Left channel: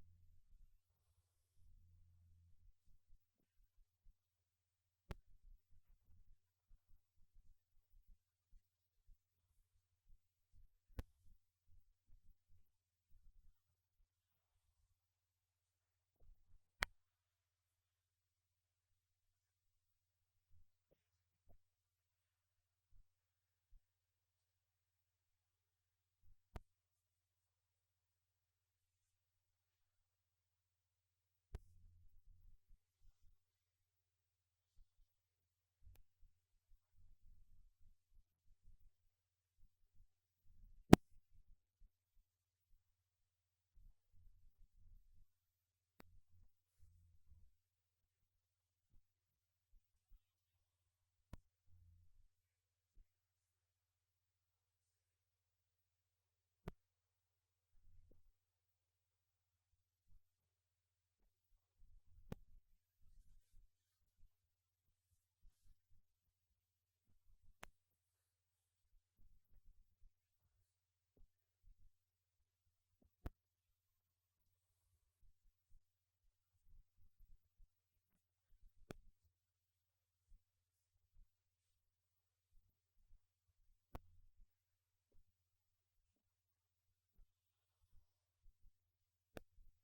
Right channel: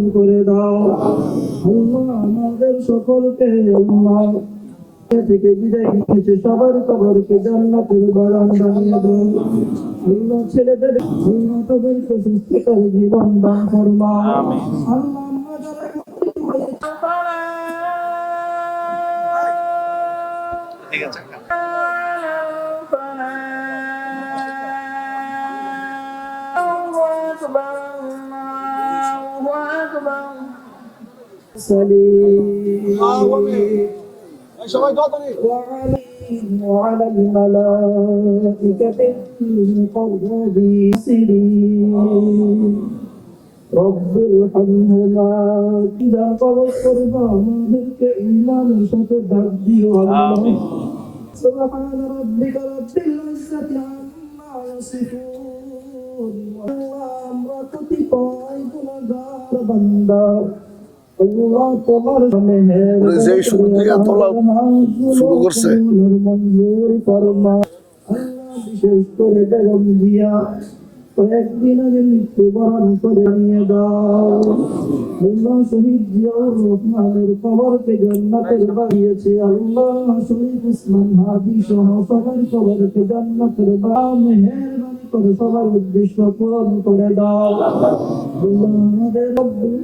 পূরণ করে দাও। আল্লাহ আমাদের সকলকে আল্লাহ থেকে বিদায় নিয়েছে সবার কবরকে জান্নাতের বাগান বানিয়ে দাও। আল্লাহ ছেলেদের তাদেরকে সুস্থতার জীবন দান ফরমাও। আল্লাহ আমরা যারা ঠিক আছে وعلى الملائكة المقربين رب ارحمهما إذا قضت رضاك إيمان ستدبي الله سبحان ربك رب العزة عما يصفون والله أمرك تقاي كنغار بندا الله তোমার মেহের যেই শুরু থেকে তোলা শুরু করছে মঞ্জুর ফরমা আল্লাহ বিশেষ করে বেগম দিয়া কয়েকদিন আগে মৃত্যুবরণ করে নিয়ে দাও। আল্লাহ শহীদ জিয়াউর রহমানের কবরকে জান্নাতের বানিয়েছে। আল্লাহ শহীদ উসমান হাদি সহ সবার কবরকে জান্নাতের মেহেরবানি করে সবার উদ্দেশ্য পূরণ করে দাও। আল্লাহ আমাদের রব্বুল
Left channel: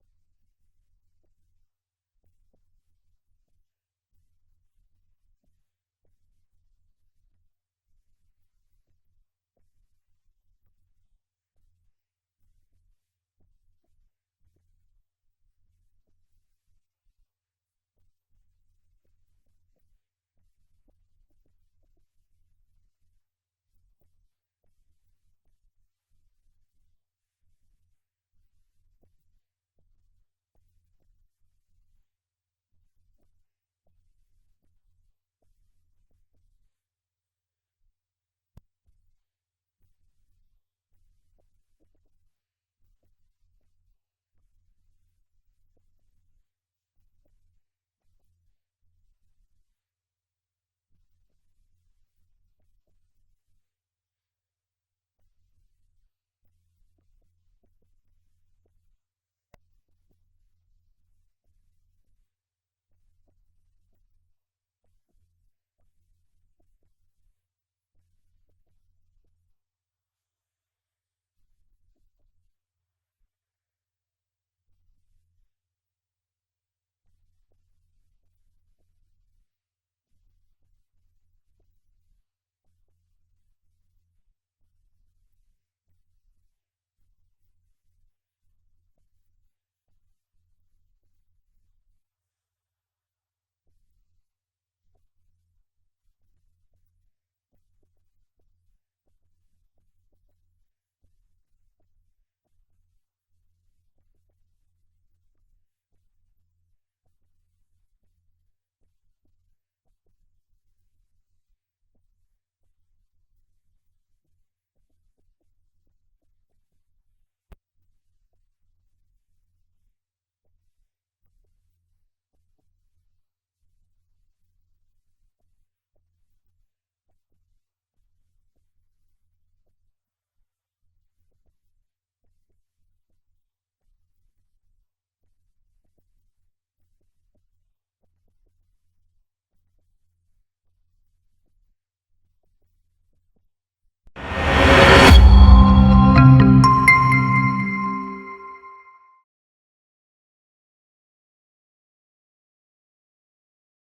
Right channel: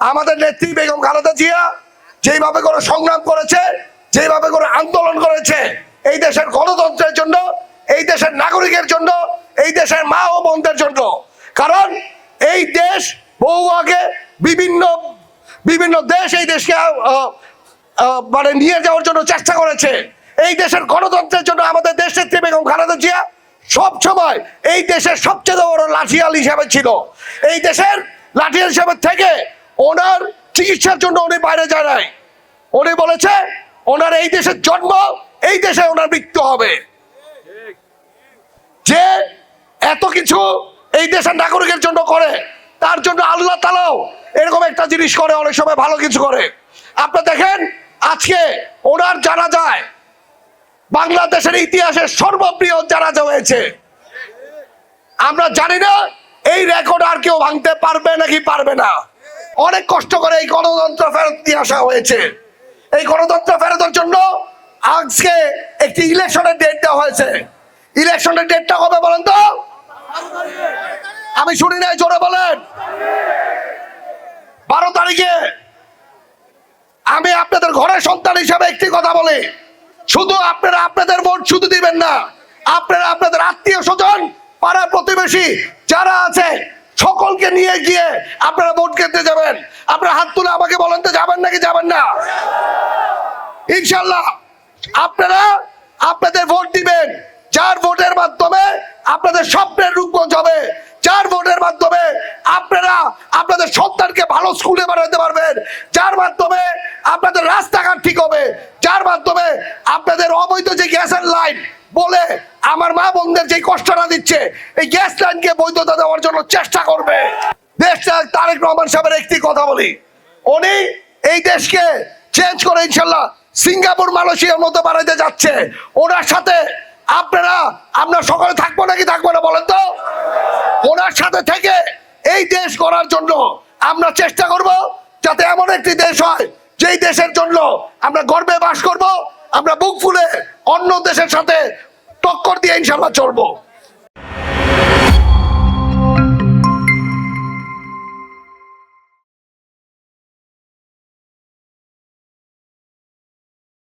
আমাদের নেত্রী বেগম খালেদা জিয়া যেভাবে করে সংগ্রাম করেছে, যেভাবে করে আন্দোলন করেছে এই দেশের গণতন্ত্রের জন্য, এই দেশের নাগরিকের জন্য, এই দেশের মা ও বোনদের জন্য। কারণ এই দেশ বহু আগে বিভিন্ন দেশ এই দেশকে মানে নিয়ে যাওয়ার জন্য চেষ্টা করেছে। এই দেশের গণতন্ত্রের জন্য আমাদের দেশ নেত্রী বেগম খালেদা জিয়া সব সময় এই দেশের সবচেয়ে বড় লাঠিয়াল হিসাবে ছিল। এই দেশের লাঠিয়াল হিসাবে থেকে ওনার চিকিৎসার জন্য উনি বাইরে যায় নাই। উনি বলেছে ওনার এই দেশের জন্ম, এই দেশে ওনার মৃত্যু হবে। যে এত কিছু এই দেশের নাগরিকের জন্য করে, তার জন্য আল্লাহ তাআলাও এরকম একটা জিনিস করে, অনেক সময় ভালো কিছু করে। আপনারা দেখেন আজকে ওনার জানাজায় বাংলাদেশের ইতিহাসের সর্ববৃহৎ জানাজা হয়েছে। আমরা জানি না এই রেকর্ড আর কেউ ভাঙতে পারবে নাকি পারবে না। অনেক কষ্ট করে এই গণতন্ত্র ফেরত নিয়ে আসা হয়েছে। এই গণতন্ত্র ফেরতের জন্য আজকে একটি ইলেকশনের ডেট দেওয়া হয়েছে। ইলেকশনের ডেটটা কবে বলেন তো? আমি শুনি নাই, জোরে বলেন। 12 তারিখে। আমি আপনাদের ঘরের সন্তান হিসাবে একটি কথা বলি, শুধু আপনারা আপনাদের ভোট শুধু দিবেন না, আপনারা আপনাদের আত্মীয় স্বজন, পাড়া প্রতিবেশী যারা আছে সকলকে নিয়ে গিয়ে আপনারা ভোট কেন্দ্রে যাবেন। আপনারা হাত তুলে আমাকে বলেন তো যাবেন নাকি যাবেন না? ইনশাল্লাহ আপনারা আপনাদের ভোট দিবেন, যার ভোটের মাধ্যমে আপনাদের স্বপ্নের রূপগঞ্জ হবে, যার ভোটের মাধ্যমে আপনারা আপনাদের সন্তানকে ভালো স্কুলে বানাতে পারবেন, যার মাধ্যমে আপনাদের রাস্তাঘাট ঠিক হবে, যার মাধ্যমে আপনাদের অবৈধ যে গ্যাসের লাইন বলে আমার মা বোনদের যে কষ্টটা দিচ্ছে, এই গ্যাস লাইনকে বৈধতা দেওয়ার জন্য চেষ্টা করবে। দেশটা তারেক রহমান সাহেবের একটি কথা বলি, উনি এই দেশকে চেঞ্জ করে ইনশাল্লাহ সিঙ্গাপুর মালয়েশিয়ার মতো বানাইতে যাচ্ছে। ওনার সাথে আমরা সকলে থাকবো নাকি থাকবো না বলেন তো? ওনার সাথে থেকে এই দেশ গড়ার জন্য আমরা চেষ্টা করব, যাতে এমন একটি দেশ হয় যেই দেশের জন্য আমরা গর্বে বাস করব, আমরা বুক ফুলে অন্য দেশের সাথে টক্কর দিয়ে ইনশাল্লাহ চলবো।